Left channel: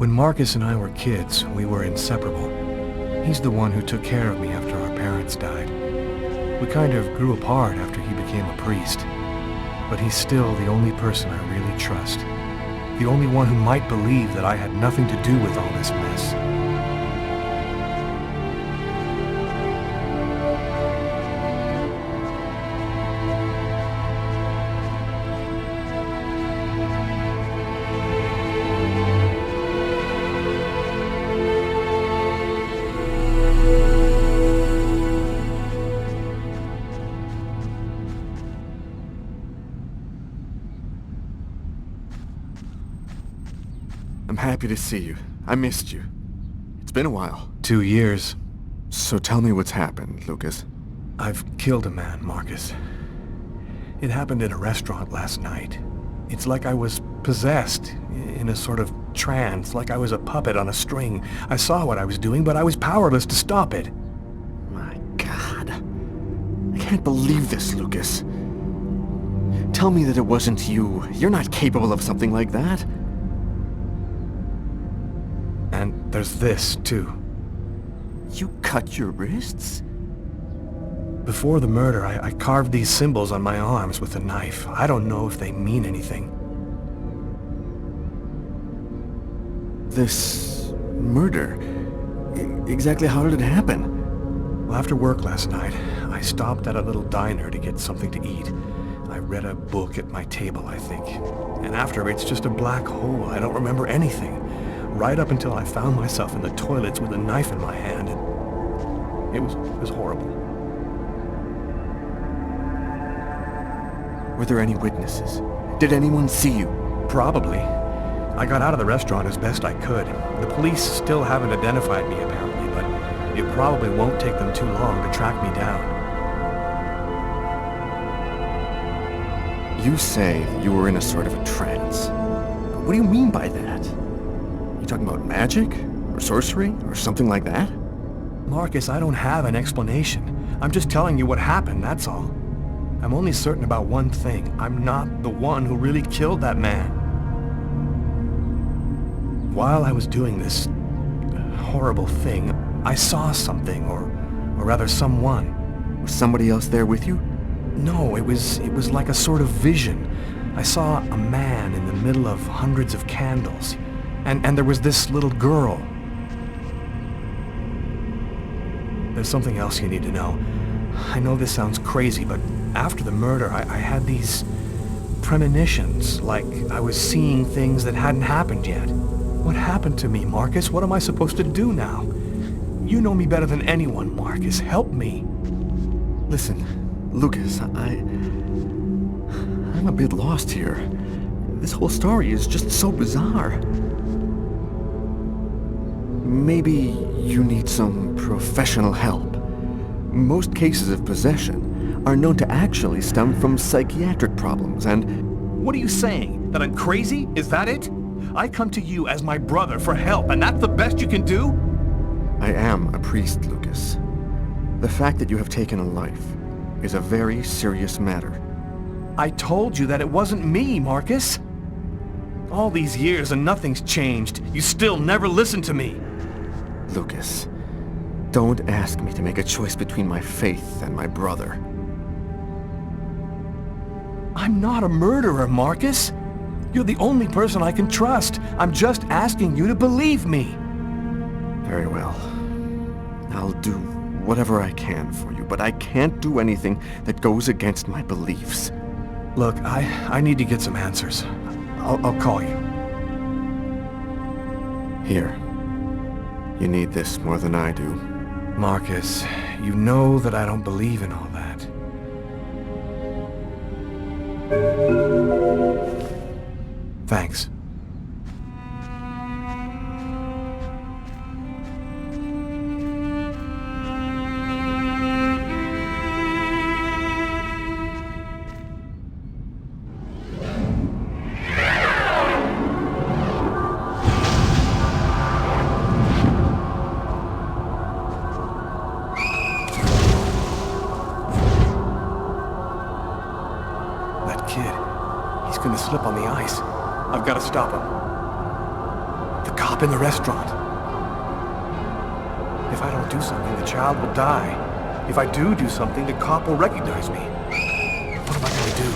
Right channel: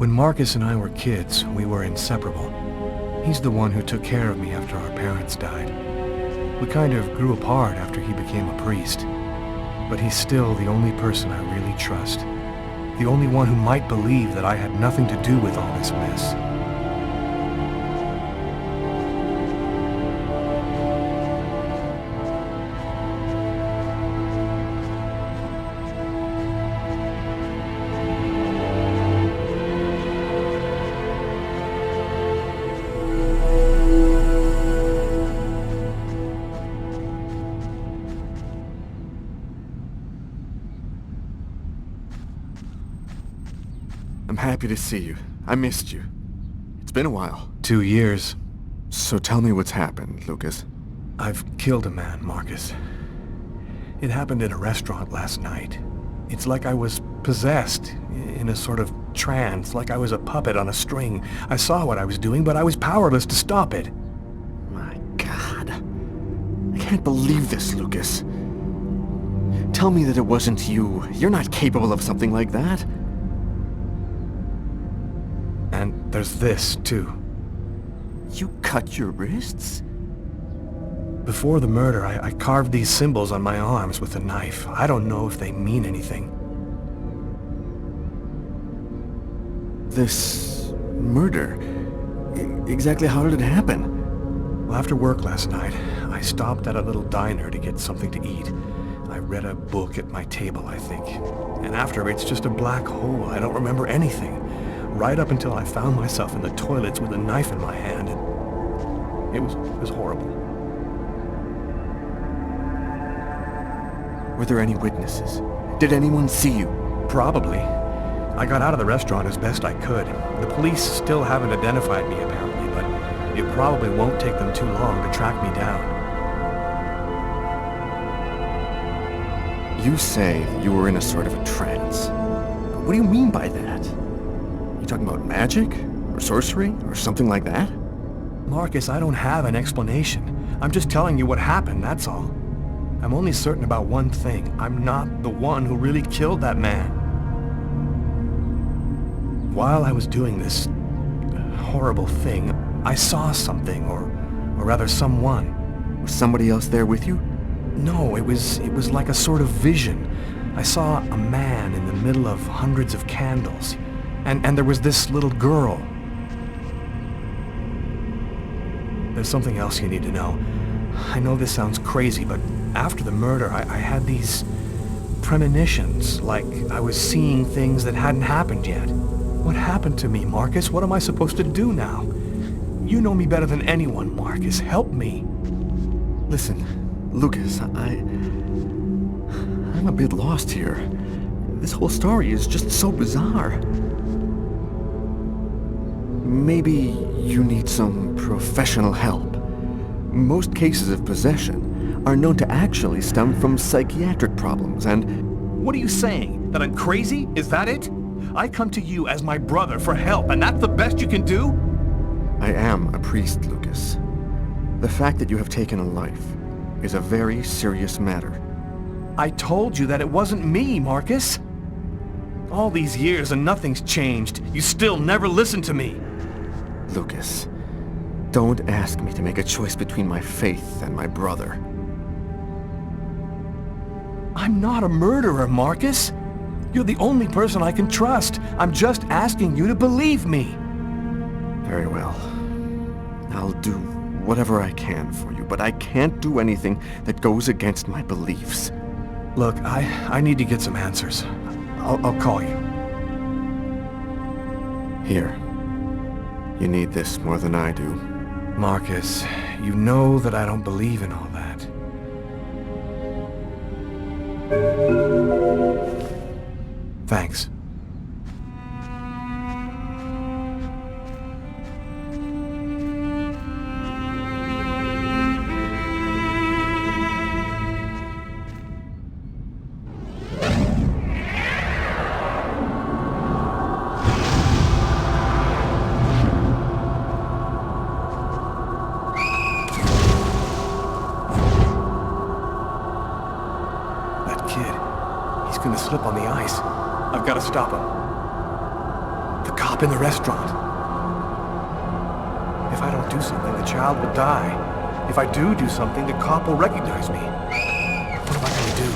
When Marcus and I were kids, we were inseparable. He's the one who took care of me after our parents died. We kind of grew apart after he became a priest. But he's still the only person I really trust. The only one who might believe that I had nothing to do with all this mess. I'm happy to see you. I missed you. It's been a while. 2 years. So tell me what's happened, Lucas. I've killed a man, Marcus. It happened in a restaurant last night. It's like I was possessed, in a sort of trance, like I was a puppet on a string. I saw what I was doing, but I was powerless to stop it. My God. I can't believe this, Lucas. Tell me that it wasn't you. You're not capable of something like that. And there's this, too. You cut your wrists? Before the murder, I carved these symbols on my arms with a knife. I don't know if they mean anything. This murder? Exactly how did it happen? Well, after work last night, I stopped at a little diner to get something to eat. I read a book at my table, I think. And after, it's just a black hole. I don't remember anything. Right up until I found myself in the toilets with a knife in my hand. And it was horrible. Were there any witnesses? Did anyone see you? Probably. I got out of the restaurant as best I could. The police still haven't identified me, apparently, but it probably won't take them too long to track me down. You say that you were in a sort of a trance. But what do you mean by that? You talking about magic? Or sorcery? Or something like that? Marcus, I don't have an explanation. I'm just telling you what happened, that's all. I'm only certain about one thing. I'm not the one who really killed that man. While I was doing this horrible thing, I saw something, or rather someone. Was somebody else there with you? No, it was like a sort of vision. I saw a man in the middle of hundreds of candles, and there was this little girl. There's something else you need to know. I know this sounds crazy, but after the murder, I had these premonitions, like I was seeing things that hadn't happened yet. What happened to me, Marcus? What am I supposed to do now? You know me better than anyone, Marcus. Help me. Listen, Lucas, I'm a bit lost here. This whole story is just so bizarre. Maybe you need some professional help. Most cases of possession are known to actually stem from psychiatric problems and... What are you saying? That I'm crazy? Is that it? I come to you as my brother for help, and that's the best you can do? I am a priest, Lucas. The fact that you have taken a life is a very serious matter. I told you that it wasn't me, Marcus. All these years and nothing's changed. You still never listen to me. Lucas, don't ask me to make a choice between my faith and my brother. I'm not a murderer, Marcus. You're the only person I can trust. I'm just asking you to believe me. Very well. I'll do whatever I can for you, but I can't do anything that goes against my beliefs. Look, I need to get some answers. I'll call you. Here. You need this more than I do. Marcus, you know that I don't believe in all that. Thanks. That kid, he's gonna slip on the ice. I've got to stop him. The cop in the restaurant. If I don't do something, the child will die. If I do something, the cop will recognize me. What am I going to do?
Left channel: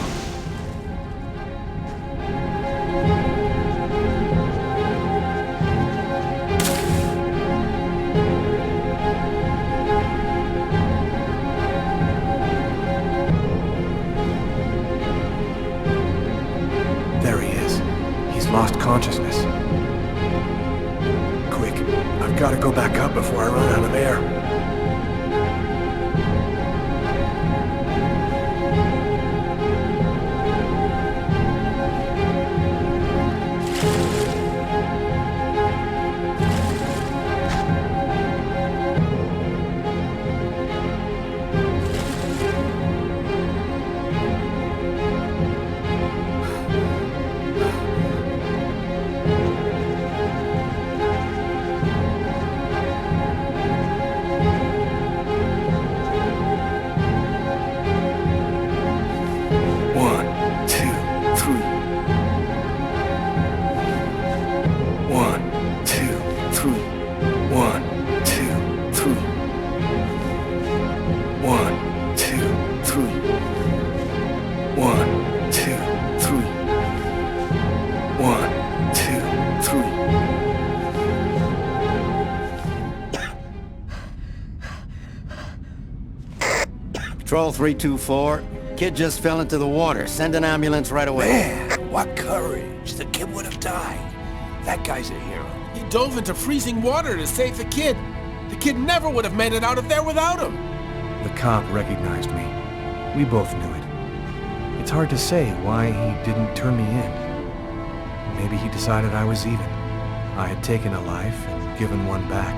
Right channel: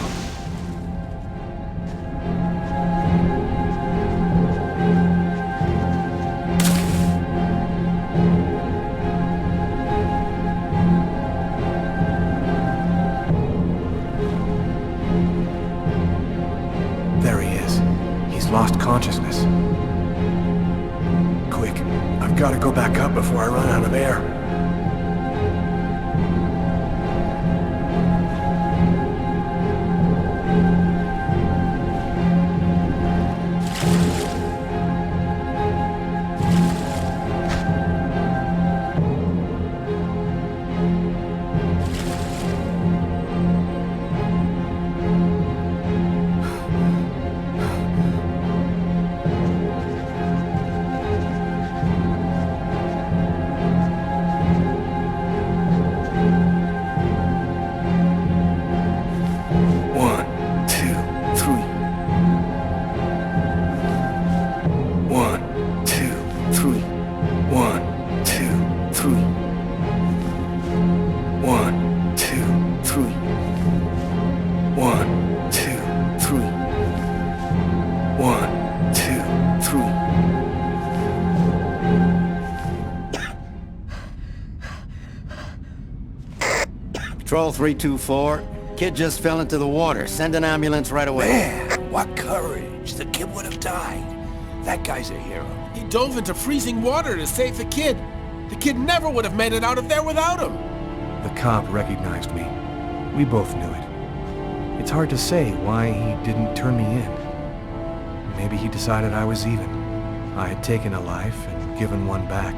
There he is. He's lost consciousness. Quick, I've got to go back up before I run out of air. Patrol 324, kid just fell into the water. Send an ambulance right away. Man, what courage. The kid would have died. That guy's a hero. He dove into freezing water to save the kid. The kid never would have made it out of there without him. The cop recognized me. We both knew it. It's hard to say why he didn't turn me in. Maybe he decided I was even. I had taken a life and given one back.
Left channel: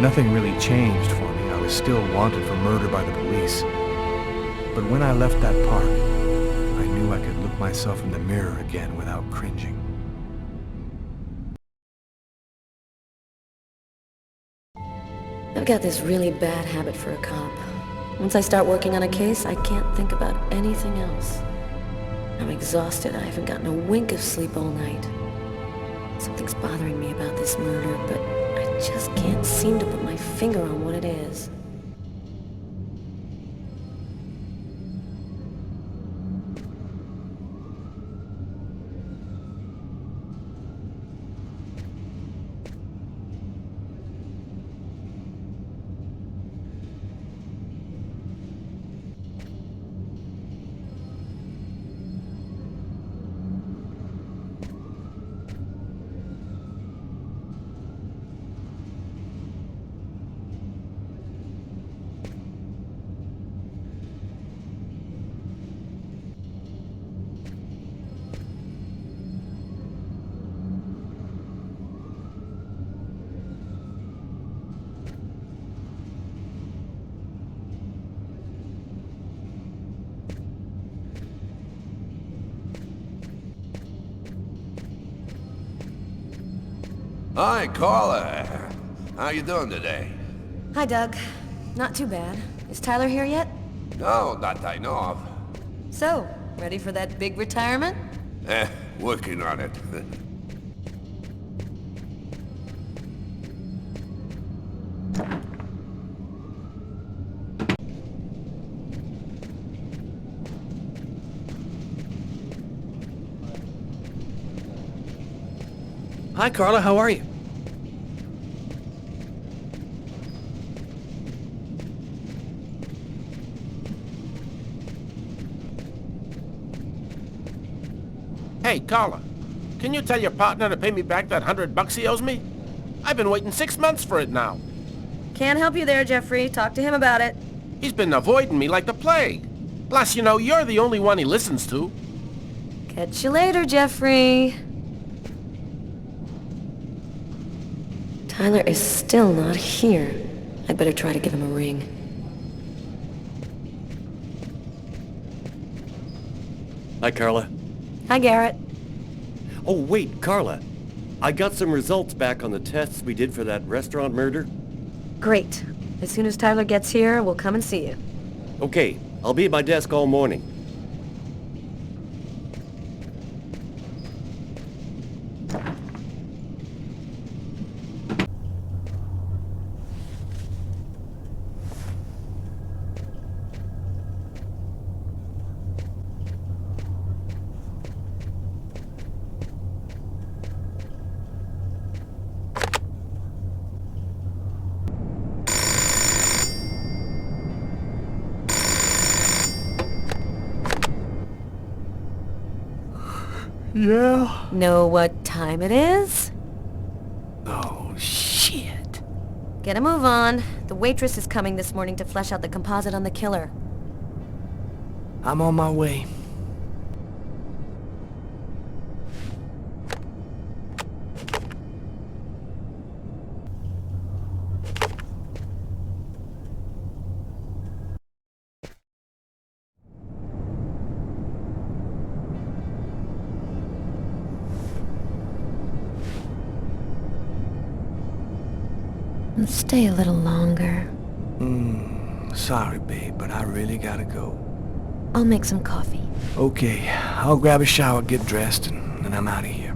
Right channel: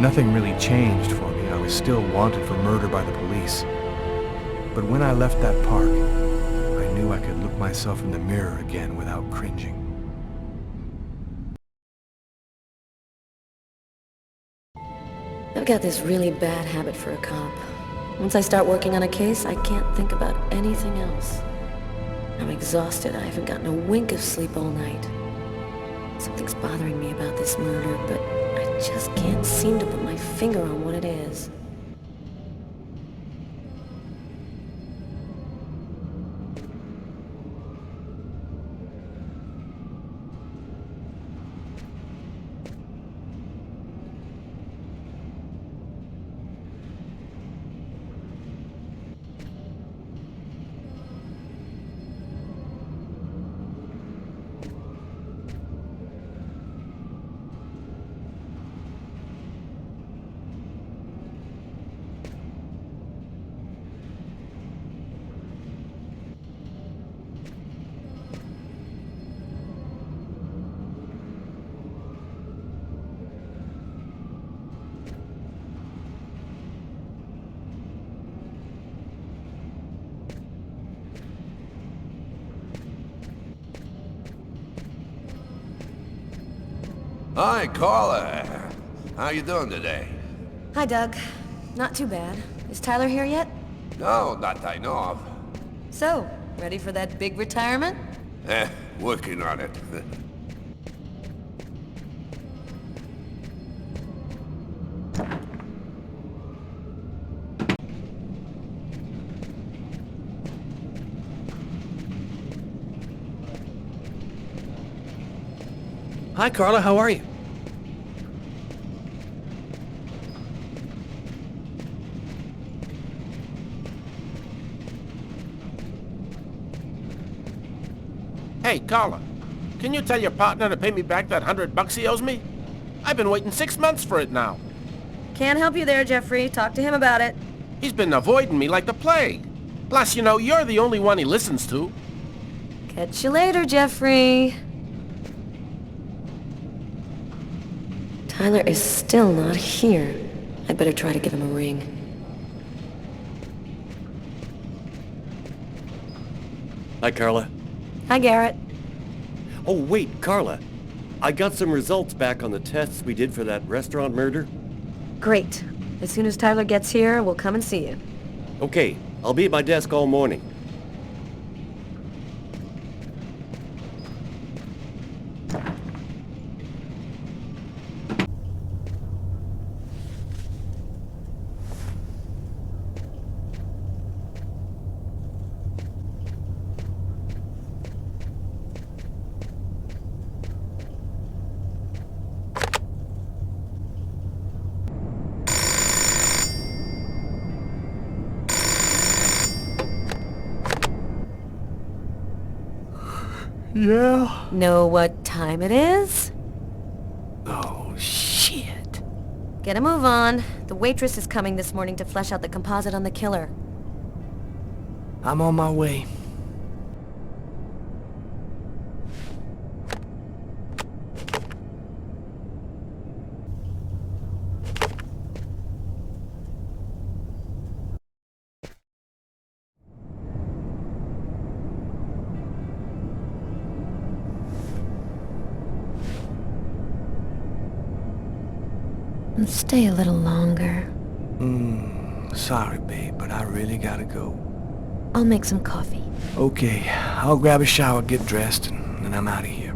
Nothing really changed for me. I was still wanted for murder by the police. But when I left that park, I knew I could look myself in the mirror again without cringing. I've got this really bad habit for a cop. Once I start working on a case, I can't think about anything else. I'm exhausted. I haven't gotten a wink of sleep all night. Something's bothering me about this murder, but I just can't seem to put my finger on what it is. Hi, Carla. How you doing today? Hi, Doug. Not too bad. Is Tyler here yet? No, not that I know of. So, ready for that big retirement? Working on it. Hi, Carla. How are you? Hey, Carla, can you tell your partner to pay me back that $100 he owes me? I've been waiting 6 months for it now. Can't help you there, Jeffrey. Talk to him about it. He's been avoiding me like the plague. Plus, you know, you're the only one he listens to. Catch you later, Jeffrey. Tyler is still not here. I'd better try to give him a ring. Hi, Carla. Hi, Garrett. Oh, wait, Carla. I got some results back on the tests we did for that restaurant murder. Great. As soon as Tyler gets here, we'll come and see you. Okay, I'll be at my desk all morning. Yeah? Know what time it is? Oh, shit. Get a move on. The waitress is coming this morning to flesh out the composite on the killer. I'm on my way. Stay a little longer. Sorry, babe, but I really gotta go. I'll make some coffee. Okay, I'll grab a shower, get dressed, and then I'm out of here.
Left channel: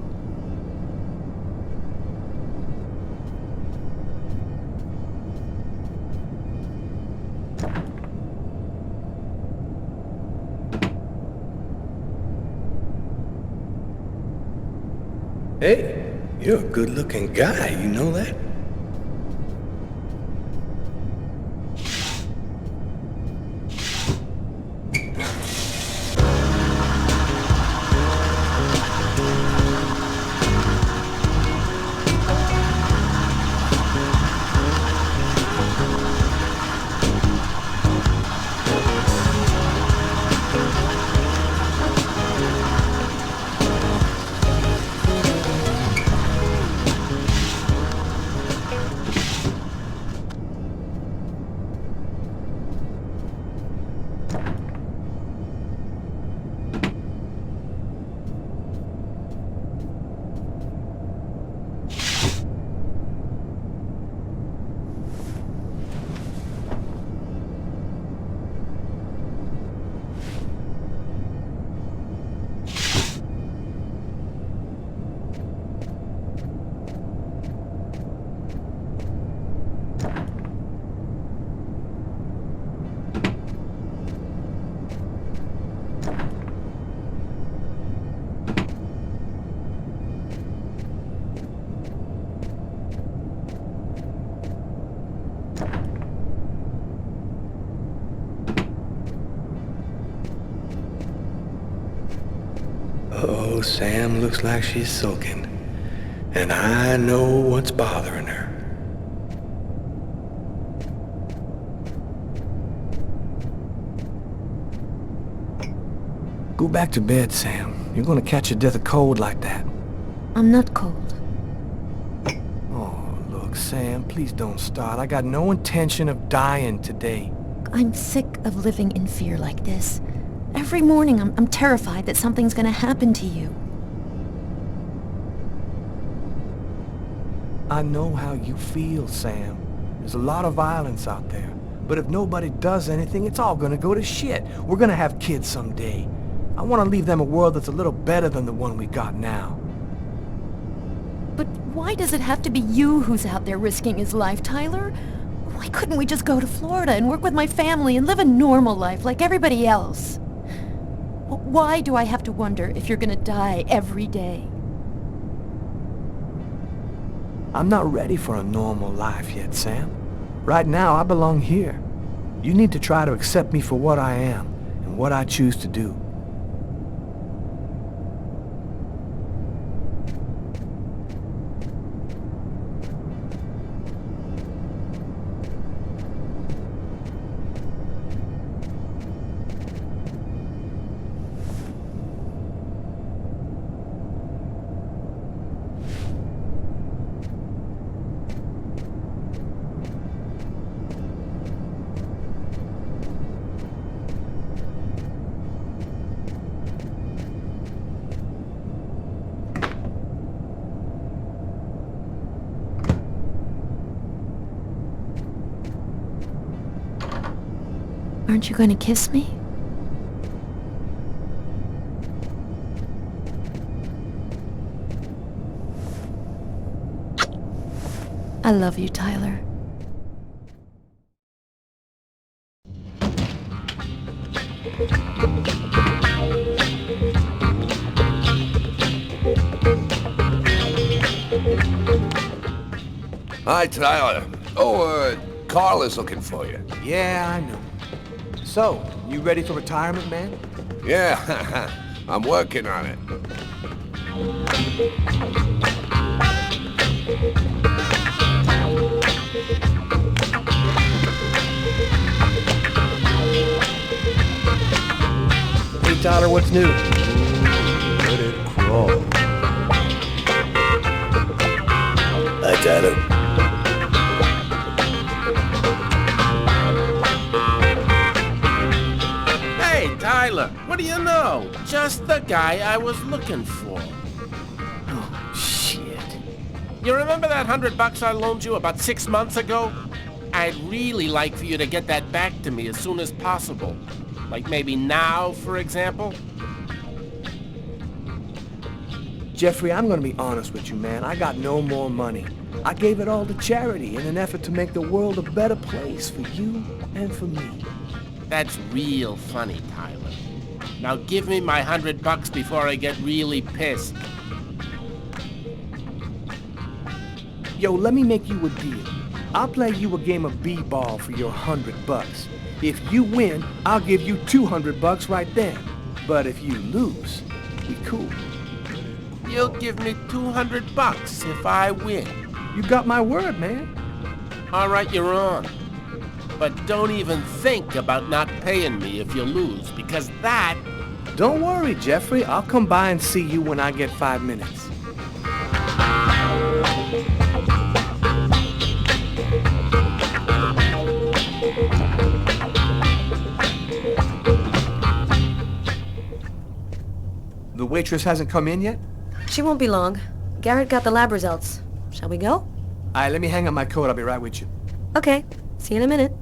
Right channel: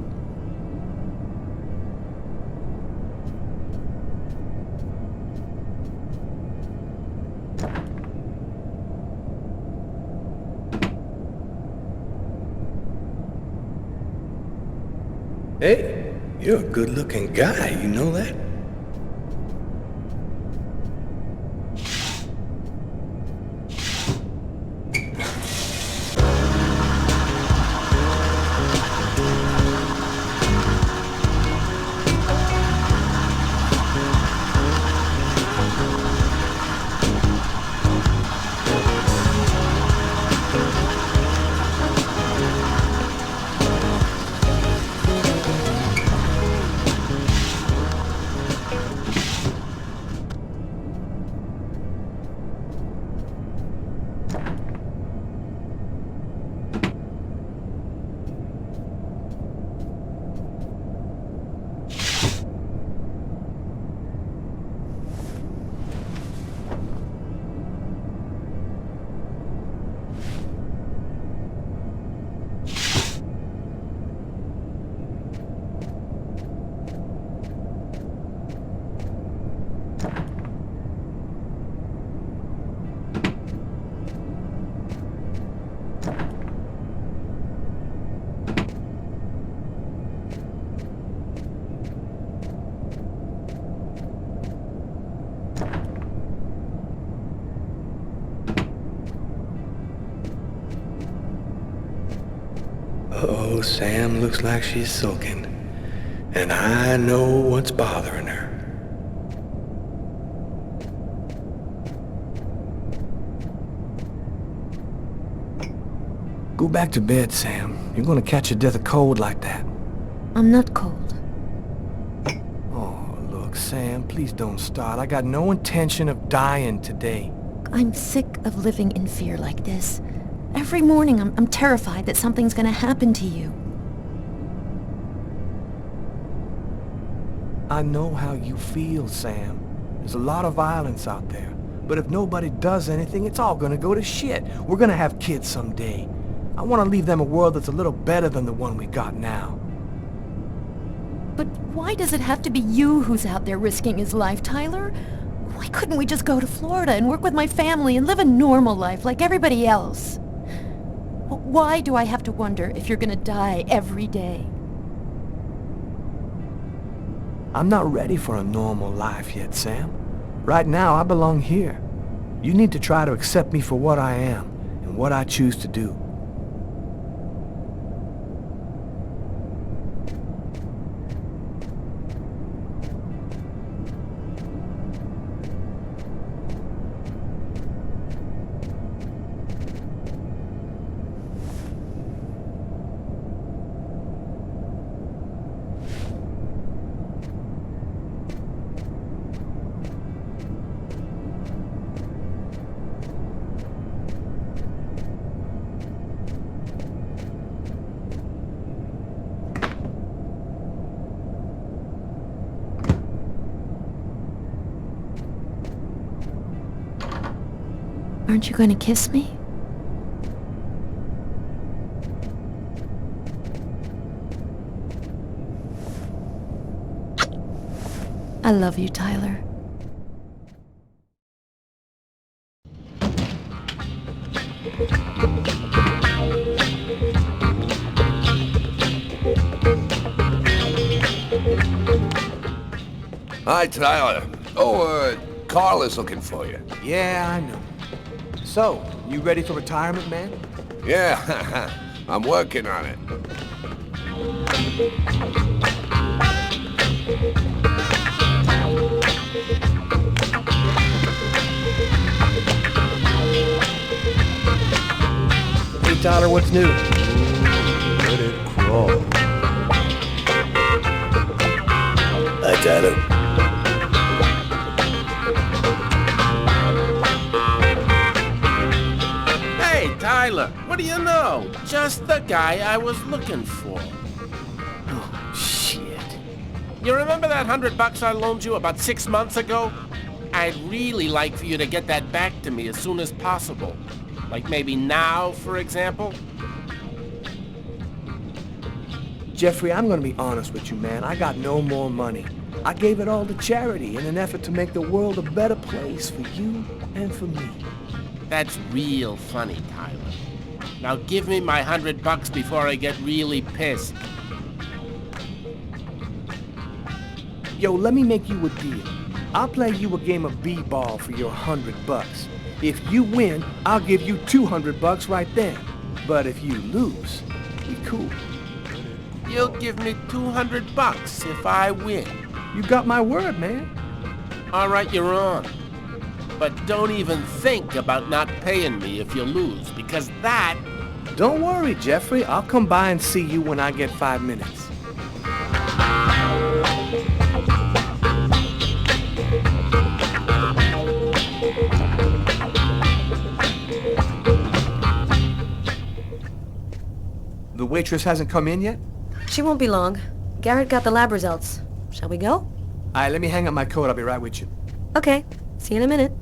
Hey, you're a good-looking guy, you know that? Uh-oh, Sam looks like she's sulking. And I know what's bothering her. Go back to bed, Sam. You're gonna catch a death of cold like that. I'm not cold. Oh, look, Sam, please don't start. I got no intention of dying today. I'm sick of living in fear like this. Every morning I'm terrified that something's gonna happen to you. I know how you feel, Sam. There's a lot of violence out there. But if nobody does anything, it's all gonna go to shit. We're gonna have kids someday. I want to leave them a world that's a little better than the one we got now. But why does it have to be you who's out there risking his life, Tyler? Why couldn't we just go to Florida and work with my family and live a normal life like everybody else? Why do I have to wonder if you're gonna die every day? I'm not ready for a normal life yet, Sam. Right now, I belong here. You need to try to accept me for what I am and what I choose to do. Aren't you going to kiss me? I love you, Tyler. Hi, Tyler. Oh, Carl is looking for you. Yeah, I know. So, you ready for retirement, man? Yeah, I'm working on it. Hey, Tyler, what's new? Let it crawl. Hi, Tyler. Hey, Tyler, what do you know? Just the guy I was looking for. Oh, shit. You remember that $100 I loaned you about 6 months ago? I'd really like for you to get that back to me as soon as possible. Like maybe now, for example? Jeffrey, I'm gonna be honest with you, man. I got no more money. I gave it all to charity in an effort to make the world a better place for you and for me. That's real funny, Tyler. Now give me my $100 before I get really pissed. Yo, let me make you a deal. I'll play you a game of b-ball for your $100. If you win, I'll give you $200 right then. But if you lose, we cool. You'll give me $200 if I win. You got my word, man. All right, you're on. But don't even think about not paying me if you lose, because that... Don't worry, Jeffrey. I'll come by and see you when I get 5 minutes. The waitress hasn't come in yet? She won't be long. Garrett got the lab results. Shall we go? Alright, let me hang up my coat. I'll be right with you. Okay. See you in a minute.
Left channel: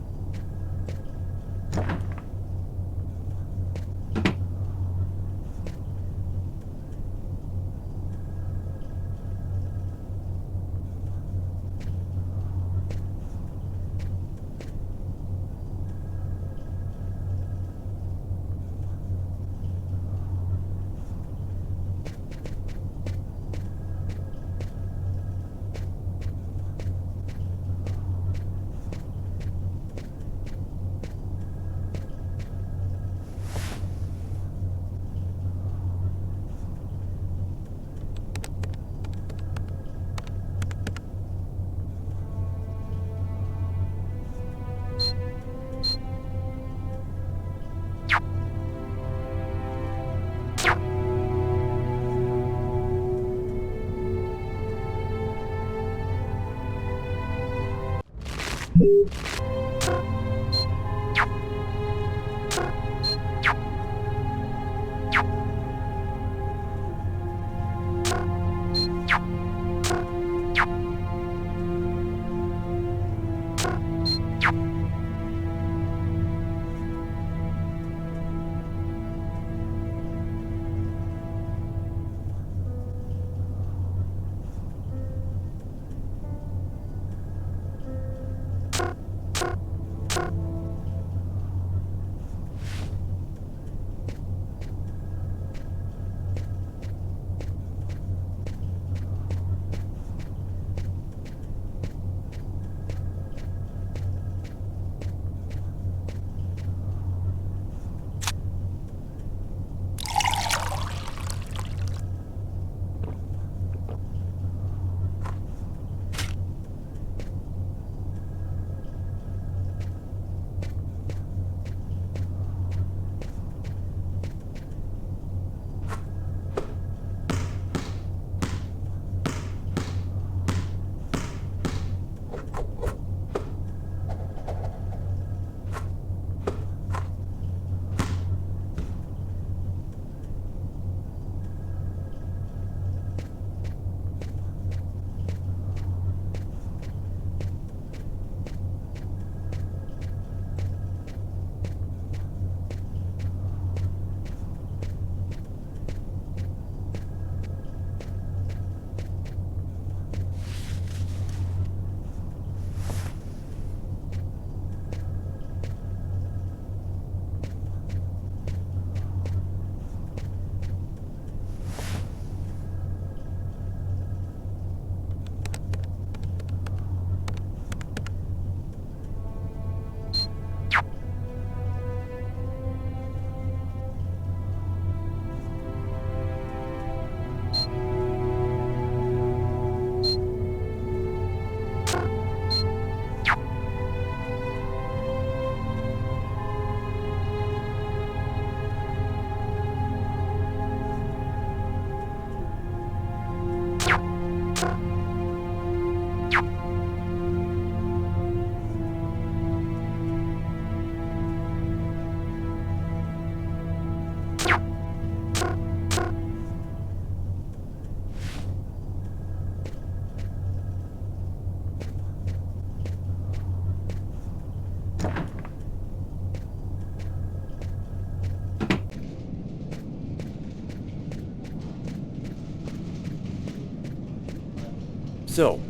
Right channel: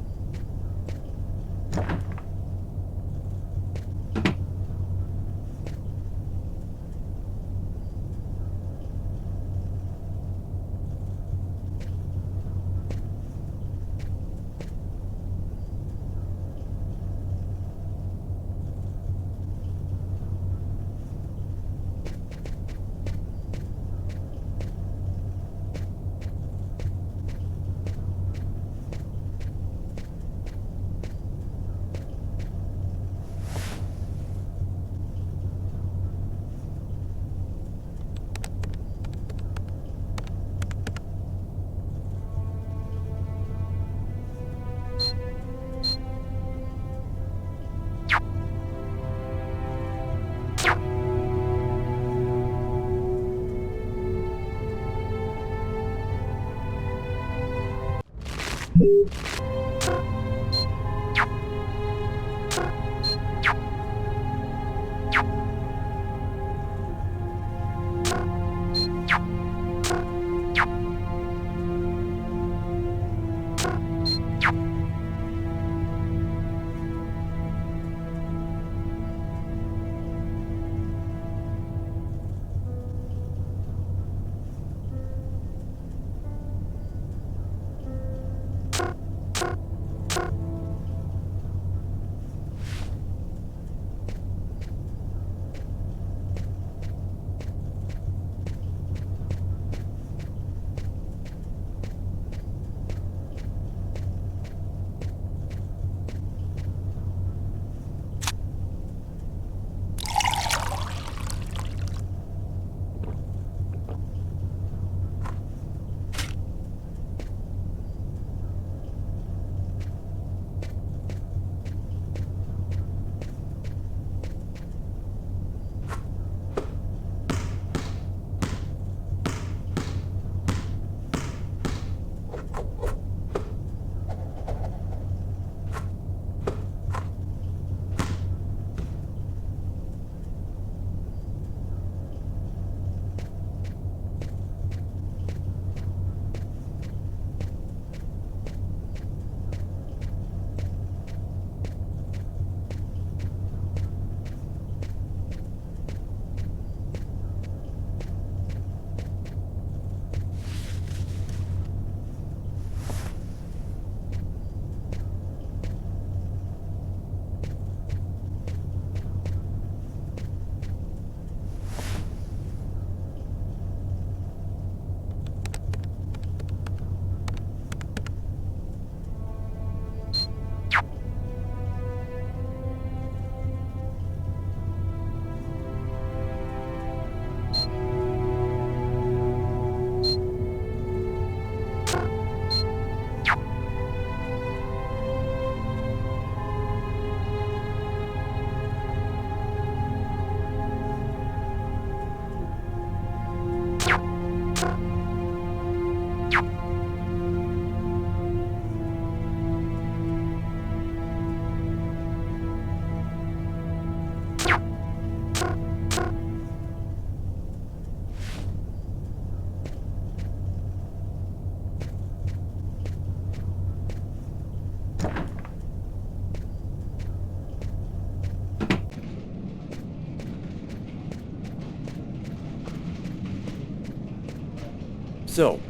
So,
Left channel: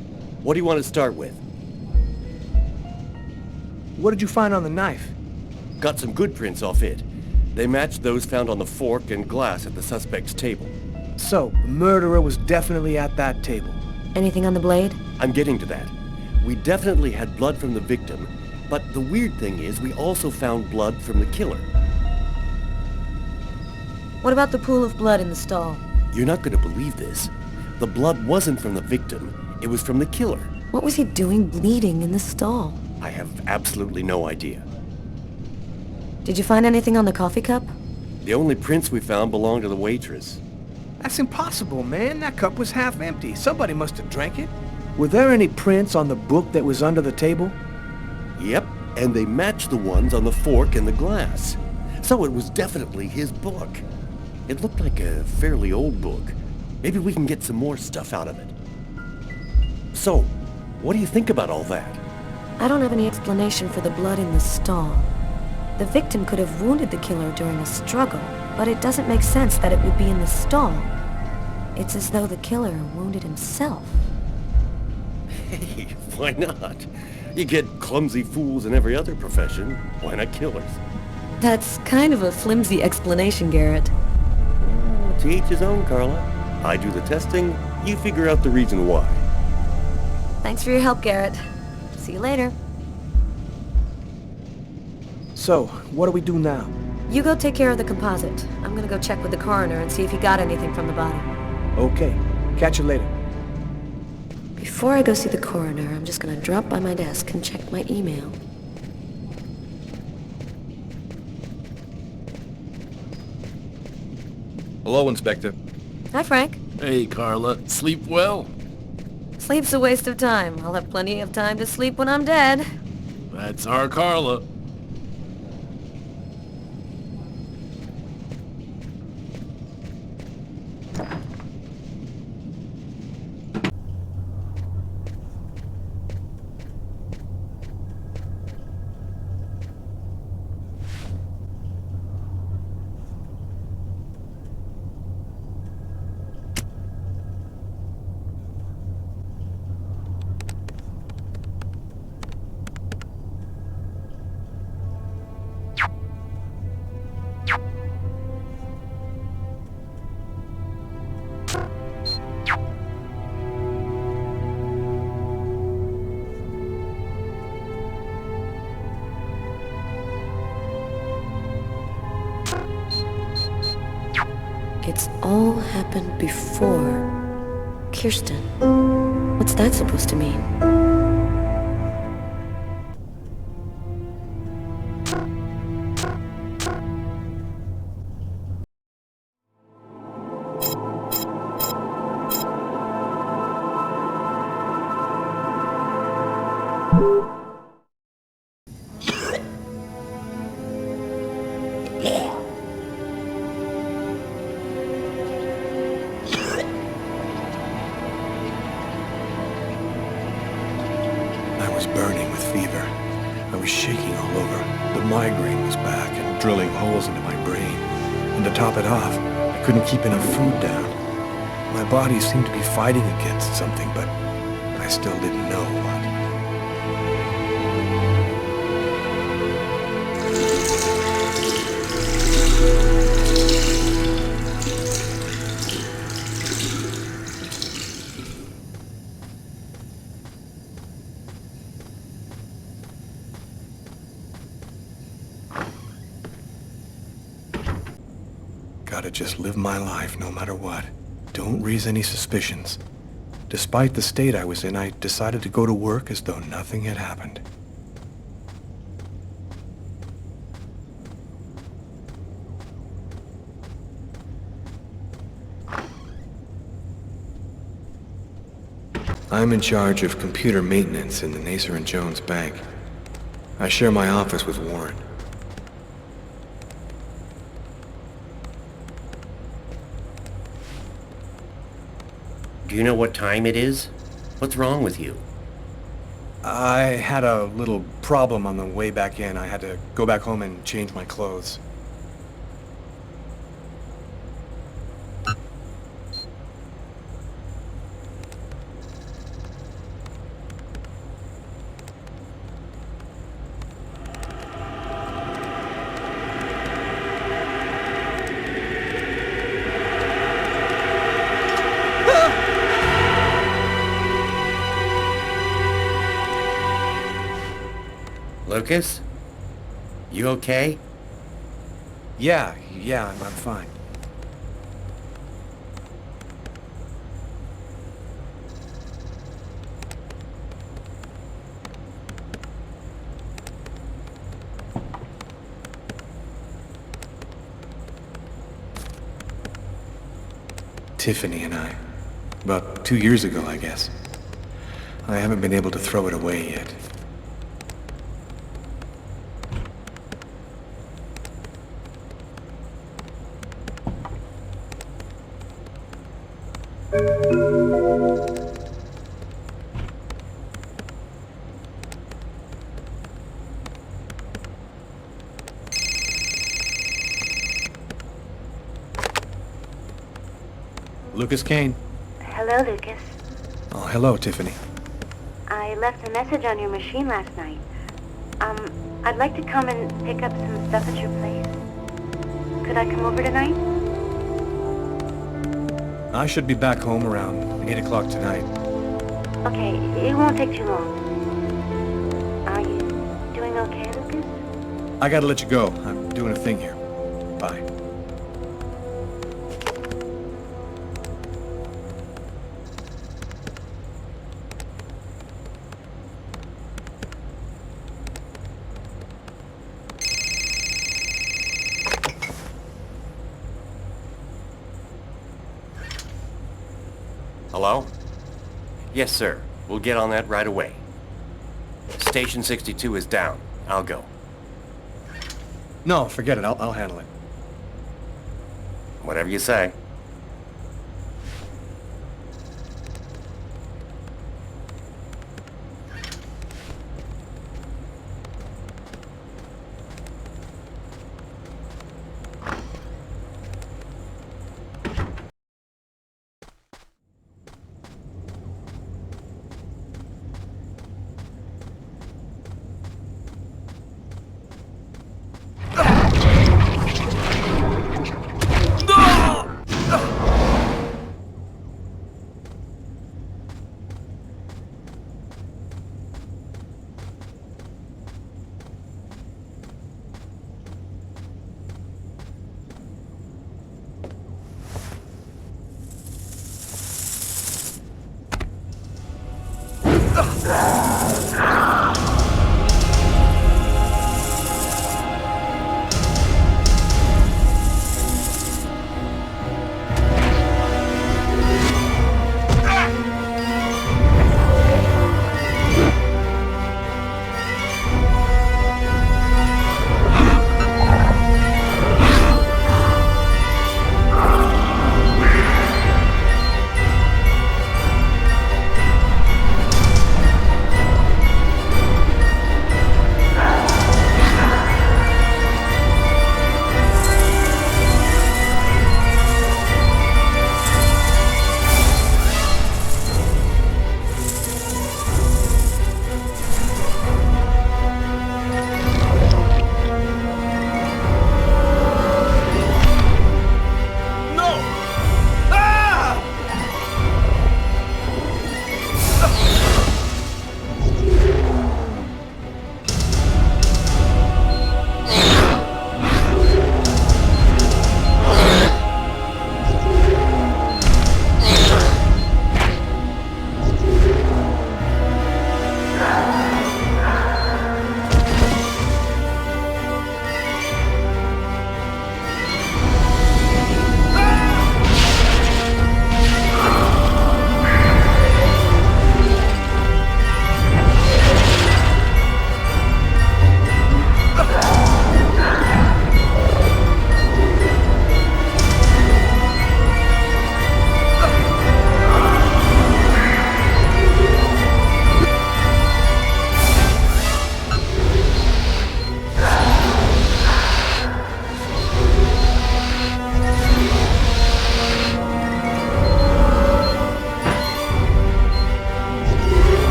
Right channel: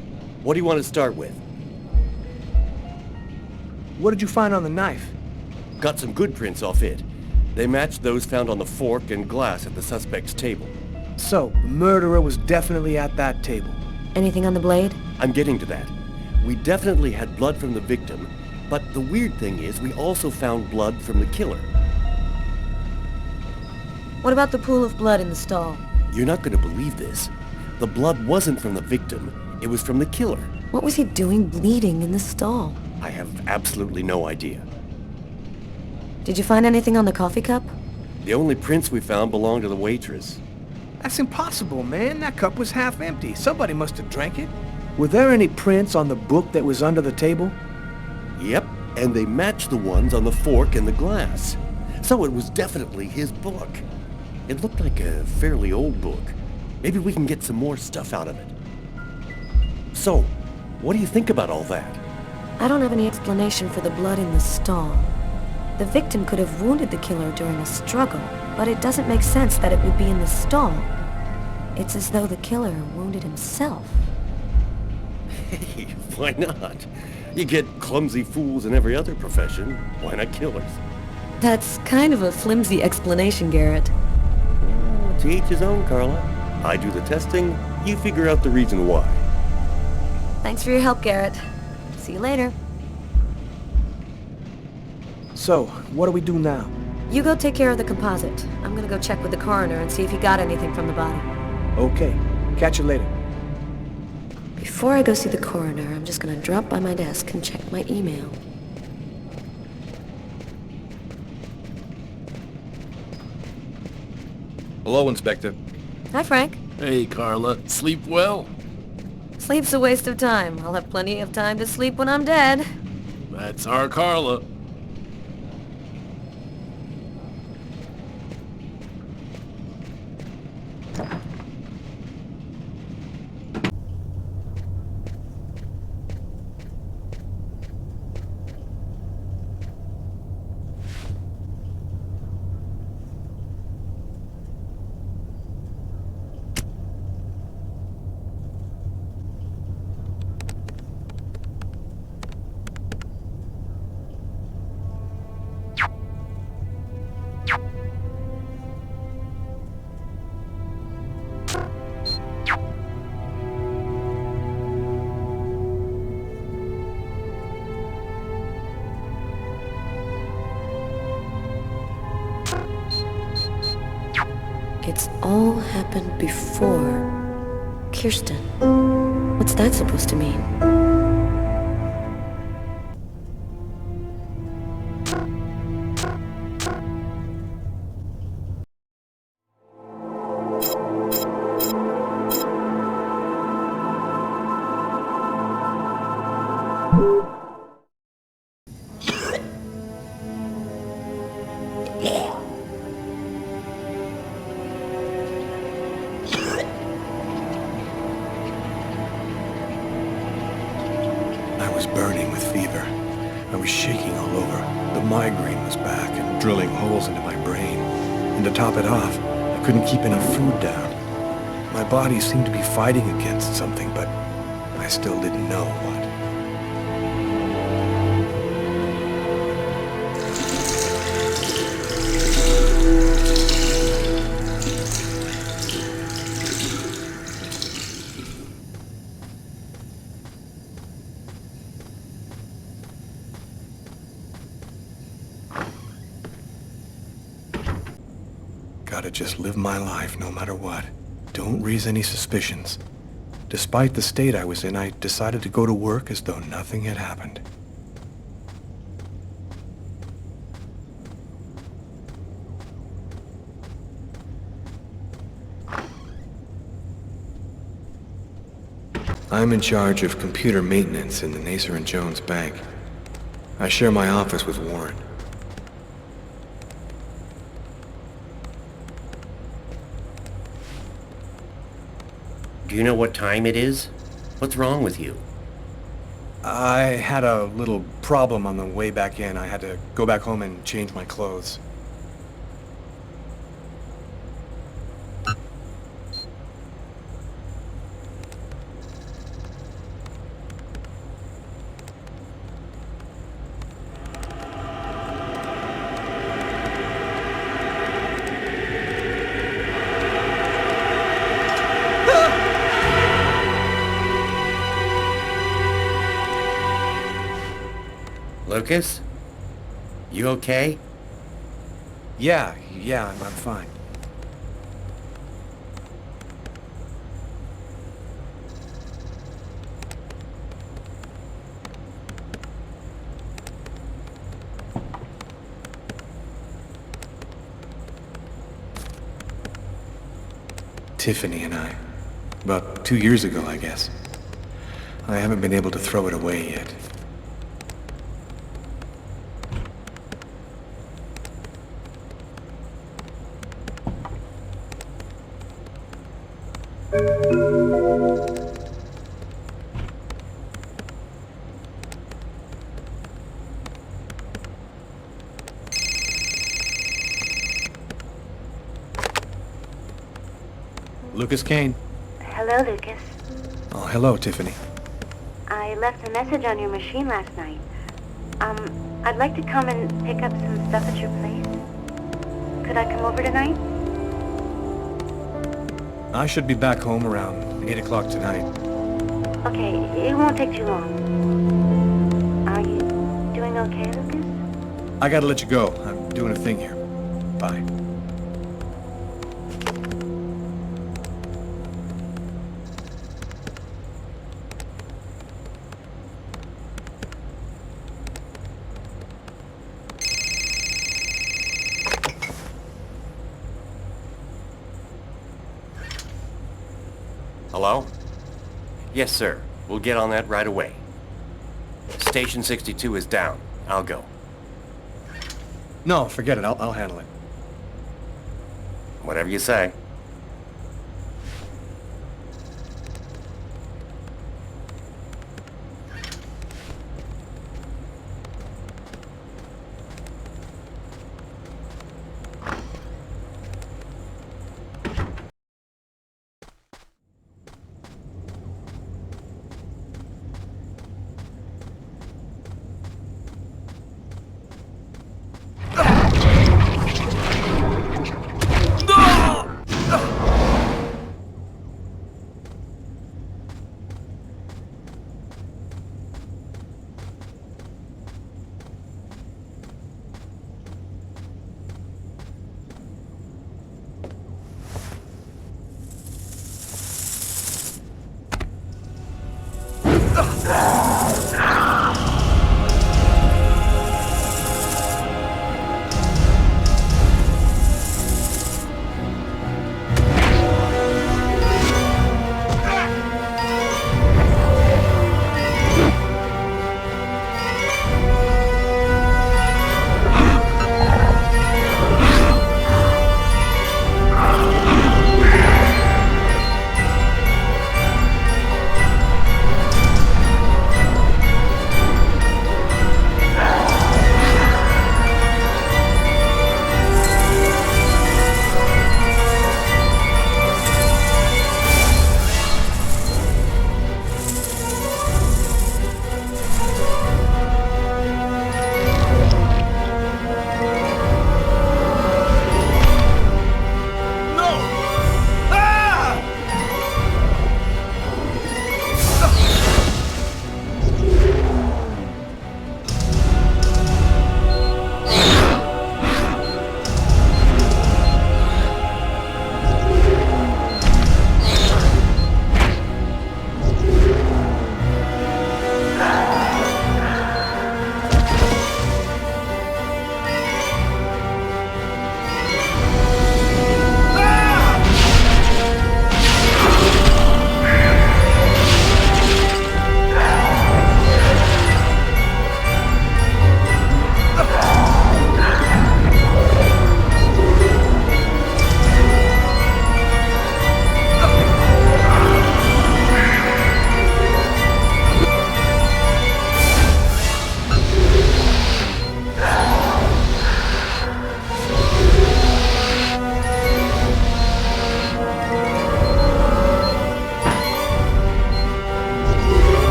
what do you want to start with? What did you find on the knife? Got some good prints off it. They matched those found on the fork and glass at the suspect's table. So, the murderer was definitely at that table. Anything on the blade? I'm getting to that. We definitely had blood from the victim, but the weird thing is we also found blood from the killer. What about the pool of blood in the stall? You're not going to believe this. The blood wasn't from the victim, it was from the killer. What was he doing bleeding in the stall? I have absolutely no idea. Did you find anything on the coffee cup? The only prints we found belonged to the waitress. That's impossible, man. That cup was half empty. Somebody must have drank it. Were there any prints on the book that was under the table? Yep, and they matched the ones on the fork and the glass. So it was definitely his book. It looked like a fairly old book. Maybe we can get some more stuff out of it. So, what do you think about all that? I don't have any explanation for the blood in the stall. The victim could have wounded the killer during a struggle, but it doesn't make sense that it would be in the stall. It's as though the killer wounded himself. Hey, why not? You get clumsy fools in every other profession. Why not killers? That's kind of a flimsy explanation, Garrett. To each his own, Carla. I do the testing, you figure out the reason why. Thanks for your help, Garrett. See you later. So, what do we do now? You go take care of the composite. I'm gonna go check with the coroner and see if he got anything from the body. Okay. Catch you later. Before I go see the coroner, I'm just gonna drop by my desk and check my email. Hello, Inspector. Hi, Frank. Hey, Carla. Sleep well? Sleep's a waste of time. I'll have plenty of time to sleep when I'm dead. That's our Carla. It's all happened before. Kirsten. What's that supposed to mean? I was burning with fever. I was shaking all over. The migraine was back and drilling holes into my brain. And to top it off, I couldn't keep enough food down. My body seemed to be fighting against something, but I still didn't know what. Gotta just live my life no matter what. Don't raise any suspicions. Despite the state I was in, I decided to go to work as though nothing had happened. I'm in charge of computer maintenance in the Nacer and Jones Bank. I share my office with Warren. Do you know what time it is? What's wrong with you? I had a little problem on the way back in. I had to go back home and change my clothes. Lucas? You okay? Yeah, I'm fine. Tiffany and I. About 2 years ago, I guess. I haven't been able to throw it away yet. Lucas Kane. Hello, Lucas. Oh, hello, Tiffany. I left a message on your machine last night. I'd like to come and pick up some stuff at your place. Could I come over tonight? I should be back home around 8 o'clock tonight. Okay, it won't take too long. Are you doing okay, Lucas? I gotta let you go. I'm doing a thing here. Bye. Hello? Yes, sir. We'll get on that right away. Station 62 is down. I'll go. No, forget it. I'll handle it. Whatever you say.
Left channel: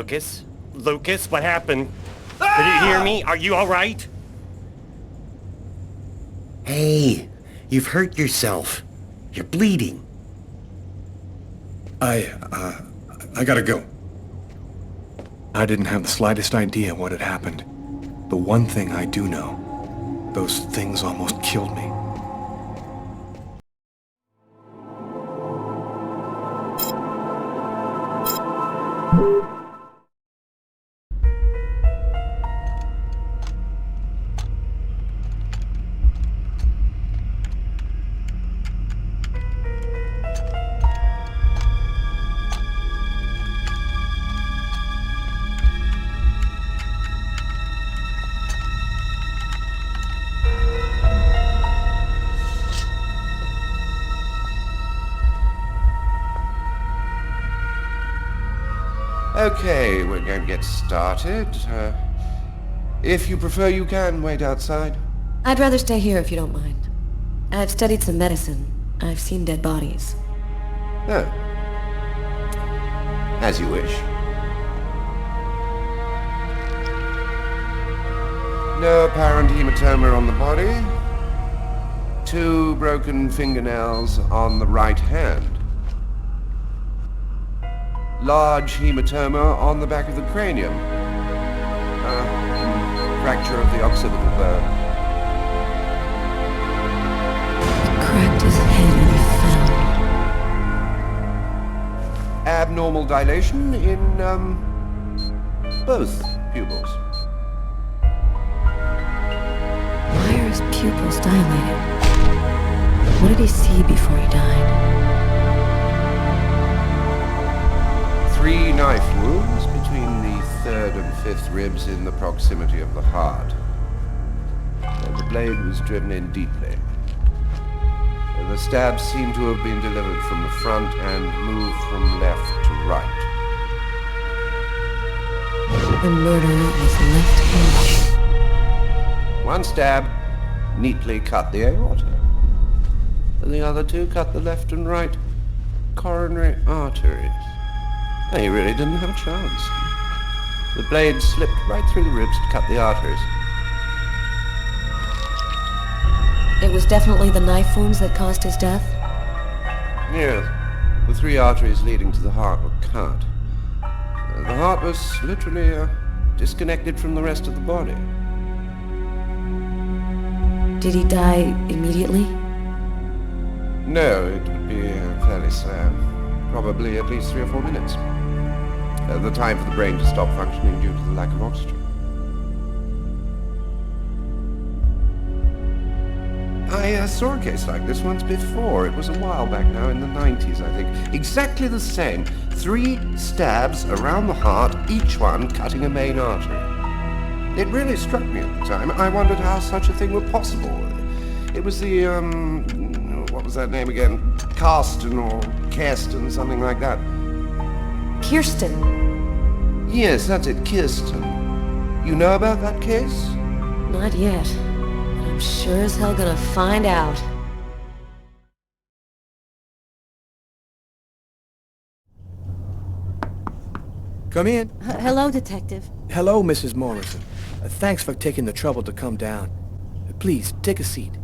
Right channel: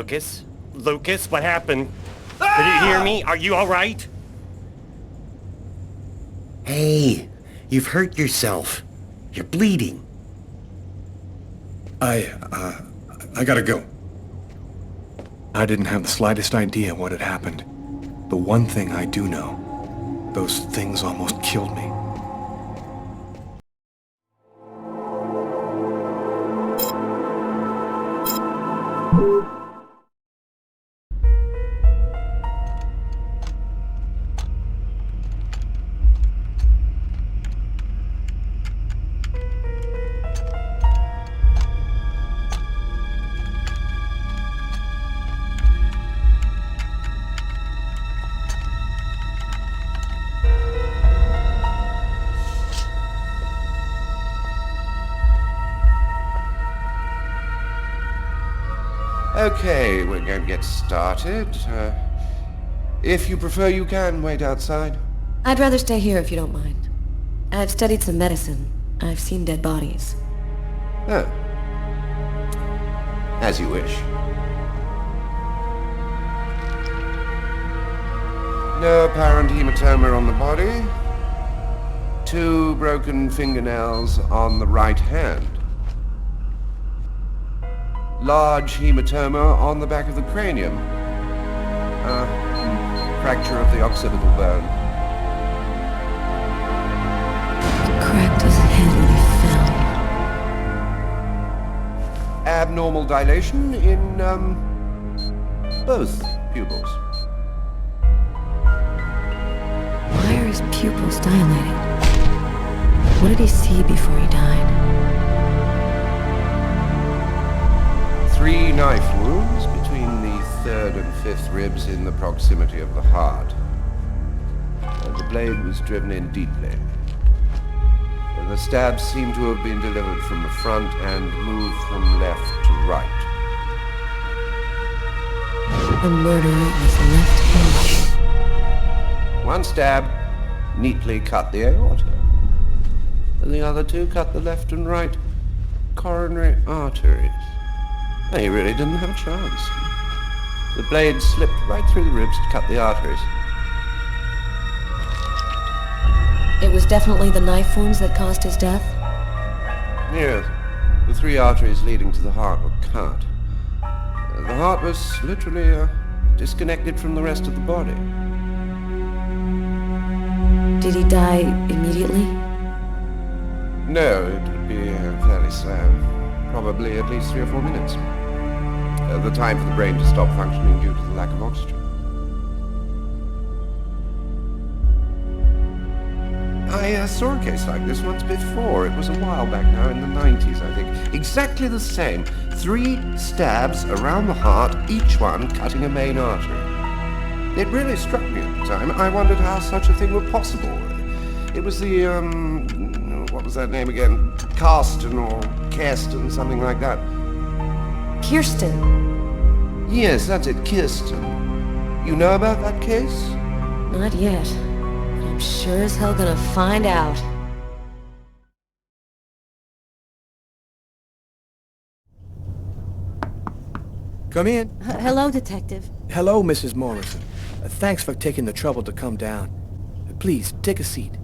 Lucas? Lucas, what happened? Did you hear me? Are you all right? Hey, you've hurt yourself. You're bleeding. I gotta go. I didn't have the slightest idea what had happened. The one thing I do know, those things almost killed me. Okay, we're going to get started. If you prefer, you can wait outside. I'd rather stay here if you don't mind. I've studied some medicine. I've seen dead bodies. Oh. As you wish. No apparent hematoma on the body. 2 broken fingernails on the right hand. Large hematoma on the back of the cranium. Fracture of the occipital bone. He cracked his head when he fell. Abnormal dilation in, both pupils. Why are his pupils dilated? What did he see before he died? 3 knife wounds between the 3rd and 5th ribs in the proximity of the heart. The blade was driven in deeply. The stabs seem to have been delivered from the front and moved from left to right. The murderer was left-handed. 1 stab neatly cut the aorta. The other 2 cut the left and right coronary arteries. He really didn't have a chance. The blade slipped right through the ribs to cut the arteries. It was definitely the knife wounds that caused his death? Yes. The 3 arteries leading to the heart were cut. The heart was literally disconnected from the rest of the body. Did he die immediately? No, it would be fairly slow. Probably at least 3 or 4 minutes. The time for the brain to stop functioning due to the lack of oxygen. I saw a case like this once before. It was a while back now, in the 90s, I think. Exactly the same. 3 stabs around the heart, each one cutting a main artery. It really struck me at the time. I wondered how such a thing were possible. It was the, what was that name again? Karsten or Kirsten, something like that. Kirsten. Yes, that's it, Kirsten. You know about that case? Not yet. But I'm sure as hell gonna find out. Come in. Hello, Detective. Hello, Mrs. Morrison. Thanks for taking the trouble to come down. Please, take a seat.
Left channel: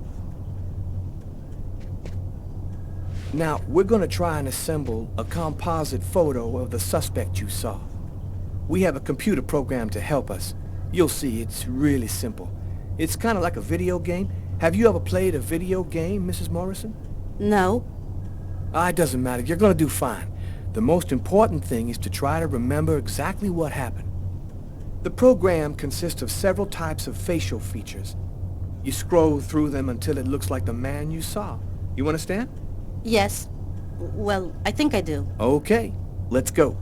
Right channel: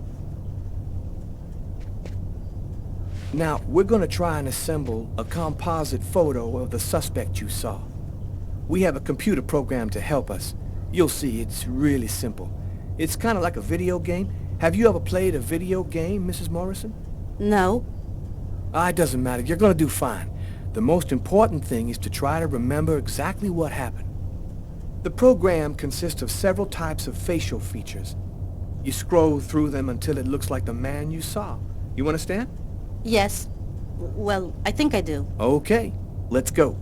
Now, we're going to try and assemble a composite photo of the suspect you saw. We have a computer program to help us. You'll see, it's really simple. It's kind of like a video game. Have you ever played a video game, Mrs. Morrison? No. It doesn't matter. You're going to do fine. The most important thing is to try to remember exactly what happened. The program consists of several types of facial features. You scroll through them until it looks like the man you saw. You understand? Yes. Well, I think I do. Okay, let's go.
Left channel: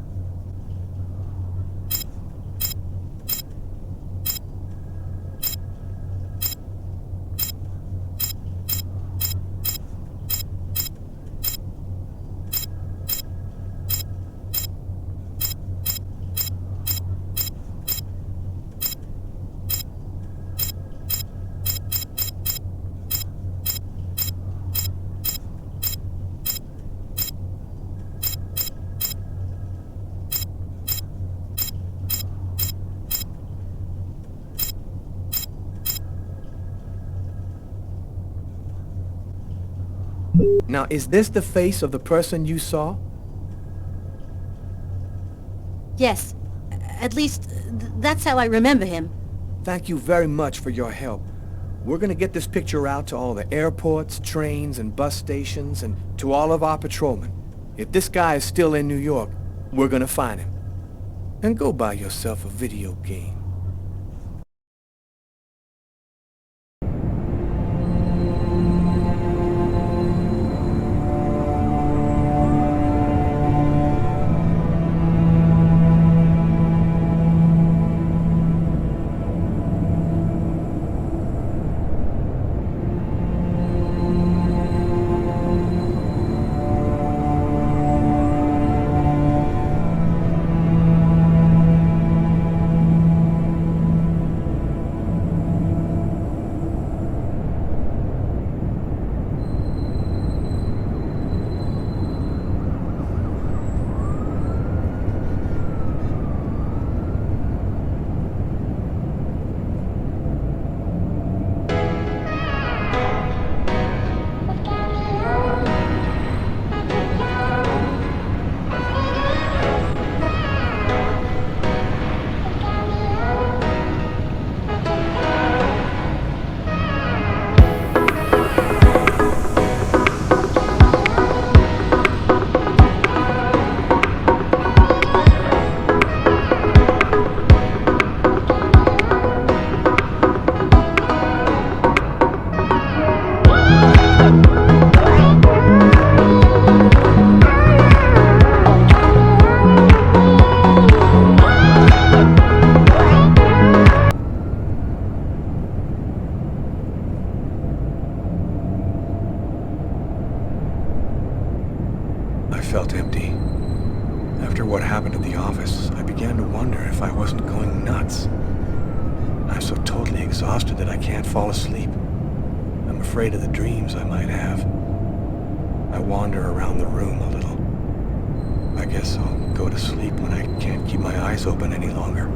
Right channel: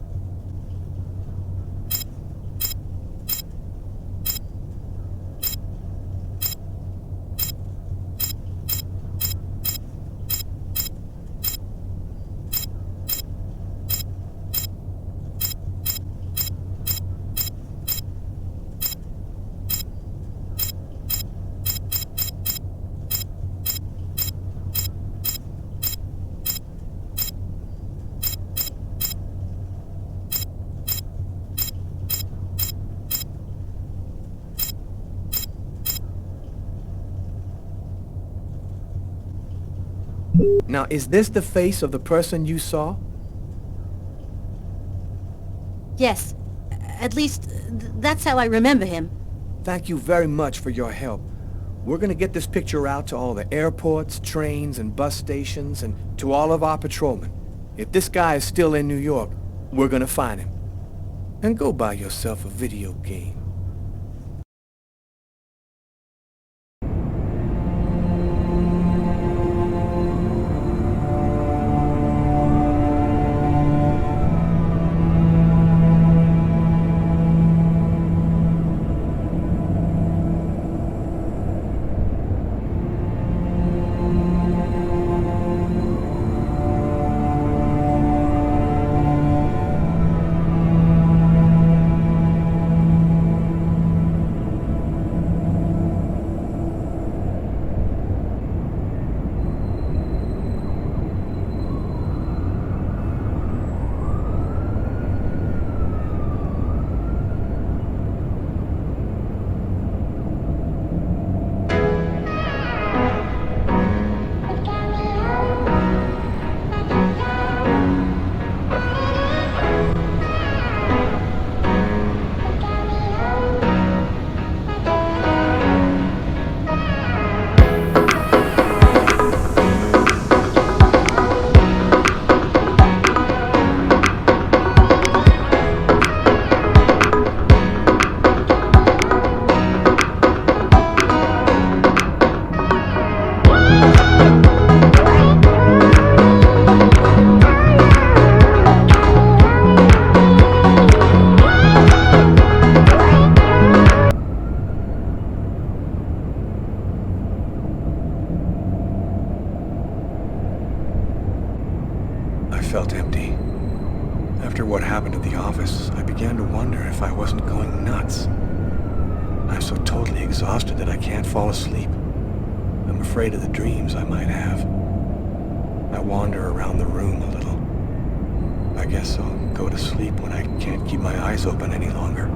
Now, is this the face of the person you saw? Yes. At least, that's how I remember him. Thank you very much for your help. We're gonna get this picture out to all the airports, trains, and bus stations, and to all of our patrolmen. If this guy is still in New York, we're gonna find him. And go buy yourself a video game. I felt empty. After what happened at the office, I began to wonder if I wasn't going nuts. I'm so totally exhausted that I can't fall asleep. I'm afraid of the dreams I might have. I wander around the room a little. I guess I'll go to sleep when I can't keep my eyes open any longer.